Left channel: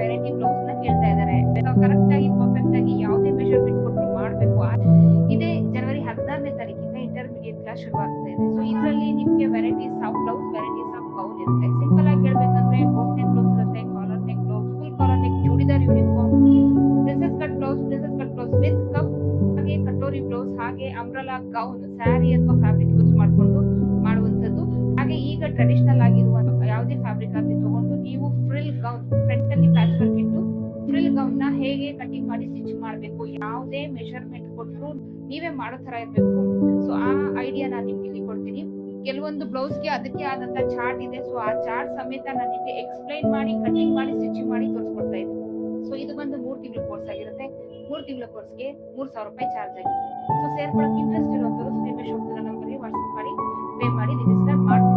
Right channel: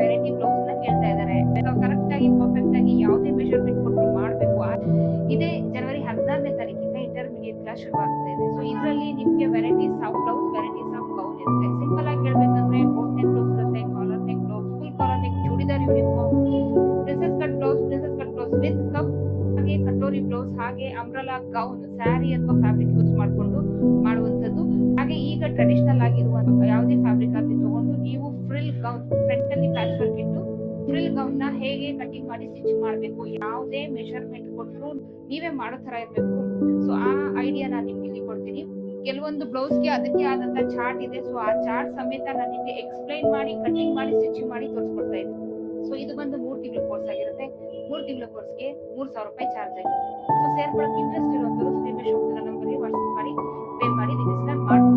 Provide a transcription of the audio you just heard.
Variety blouse ನ ಕೇಳ್ತಾ ಇದ್ದಾರೆ. ಕರೆಕ್ಟ್ ಆಗಿ ಪರ್ಫೆಕ್ಟ್ ಆಗಿ ಯಾವುದೇ ಮೆಷರ್ಮೆಂಟ್ ಕೊಟ್ಟರು ಮಾಡಬೇಕು. ಇದೇ ಜನವರಿ 16ನೇ ತಾರೀಕಿಂದ ಇಂಟರ್ಮೀಡಿಯೇಟ್ ಕ್ಲಾಸ್ ಶುರು ಆಗ್ತಾ ಇದೆ. ಸೊ ಇದರಲ್ಲಿ ನಿಮ್ಗೆ varieties of blouse, varieties of gown ಇರುತ್ತೆ. ಸಿಂಪಲ್ ಆಗಿ ಹೇಳ್ಬೇಕಂದ್ರೆ ಬೋಟ್ ನೆಕ್ ಬ್ಲೌಸ್ ಇರುತ್ತೆ, collar neck blouse, full collar neck, churidar uniform, princess cut blouse with cup, ಹಾಗೆ ಕಟೋರಿ ಬ್ಲೌಸ್, ಹಾಗೆ ಅಂಬ್ರಲಾ ಗೌನ್, ಸ್ಯಾರಿ ಅಥವಾ ಫ್ಯಾಬ್ರಿಕ್ ಯೂಸ್ ಮಾಡ್ಕೊಂಡು ಮಾಡುವಂತದ್ದು. ಹಾಗೆ ಈಗ ಟ್ರೆಡಿಷನಲ್ ಆಗಿರುವ ಯಾವುದೇ ಫ್ಯಾಬ್ರಿಕ್ ಆಗಲಿ ತಗೊಂಡು ನೀವು ಫ್ರಿಲ್ ಗೌನ್, ಫ್ರಂಟ್ ಅಲ್ಲಿ ಪ್ಯಾಚ್ ವರ್ಕ್ ಇಟ್ಟು ಫ್ರಿಲ್ ಗೌನ್ ನ ಹೇಗೆ ಕಟಿಂಗ್ ಮಾಡಿ ಸ್ಟಿಚ್ ಮಾಡಬೇಕು, ಯಾವುದೇ ಮೆಷರ್ಮೆಂಟ್ ಕೊಟ್ಟರು ನೀವೇ ಮಾಡೋ ತರ ಇರಬೇಕು. ಸೊ ಆ ಐಡಿಯಾ ನಾನು ನಿಮ್ಗೆ ಇಲ್ಲಿ ಕೊಡ್ತೀನಿ. ಕೆಲವೊಂದು ಬ್ಲೌಸ್ಗೆ ಅದಕ್ಕೆ ಆದಂತ ಚಾರ್ಟ್ ಇದೆ. ಸೊ ಆ ಚಾರ್ಟ್ ಸಮೇತ ನಾನು ನಿಮ್ಗೆ ಎಕ್ಸ್ಪ್ಲೈನ್ ಮಾಡಿ ಕಟಿಂಗ್ ಮಾಡಿ ಸ್ಟಿಚಿಂಗ್ ಮಾಡಿ ತೋರಿಸ್ಕೊಡ್ತಾ ಇದ್ದೀನಿ. ಸೊ ಇದು ಬಂದು 3 ತಿಂಗಳ ಕೋರ್ಸ್ ಆಗಿರುತ್ತೆ. 3 ತಿಂಗಳ ಕೋರ್ಸ್ಗೆ 3,000 ರೂಪಾಯಿ ಚಾರ್ಜ್ ಆಗಿರುತ್ತೆ. ಸೊ ಸೇರ್ಕೊಳ್ಳೋಕೆ ಇಂಟ್ರೆಸ್ಟ್ ಇರುವಂತವರು ಸ್ಕ್ರೀನ್ ಮೇಲೆ ಹೋಗ್ತಿರೋ ನಂಬರ್ಗೆ ವಾಟ್ಸ್ಆಪ್ ಮಾಡಿ ಪೇ ಮಾಡಿ ರಿಜಿಸ್ಟರ್ ಮಾಡಿ